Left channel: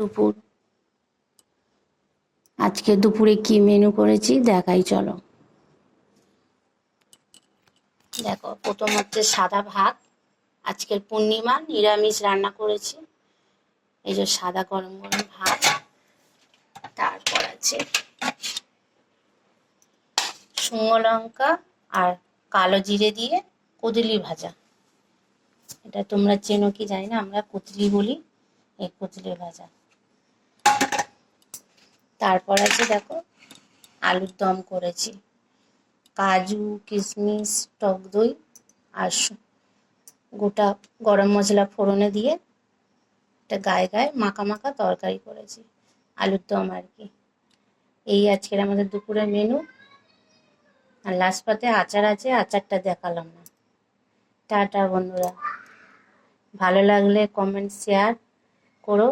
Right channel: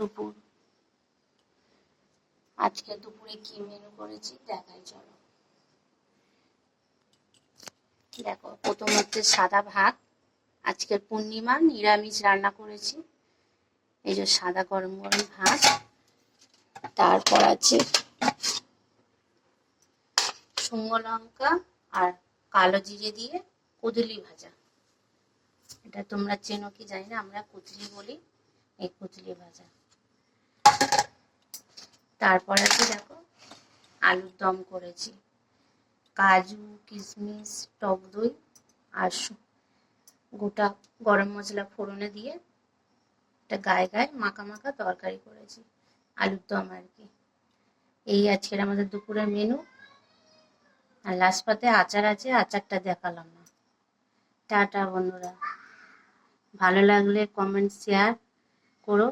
দুপুর। আজকে দুপুরে কি মেনু করেছি দেখাই চলো। দেখো, প্রথম হচ্ছে সাদা ভাত। আজকের পূর্ণিমা, নিরামিষ রান্না করেছি। এই যে সাদা গরম গরম ভাত। তারপর আছে শুকনো লঙ্কা আর কালো জিরে দিয়ে কুদলি ভাজা। এটা তোমরা চেনো কি জানি না, আমরা কুদলি বলি। এই কুদলি ভাজা। তারপর আছে দেখো আলুর দম করেছি, কাজু কিশমিশ টক দই আর গোটা গরম মশলা ফোড়নে দিয়ে একটা গায়ে গায়ে মাখা মাখা তরকারি করেছি, আলুর দম আর কি। এই আজকের আমাদের দুপুরের মেনু। আর লাস্ট পাতে আচার আছে, আচারটা দেখালাম না। টাটা বন্ধুরা, ভালো লাগলে কমেন্ট শেয়ার করো।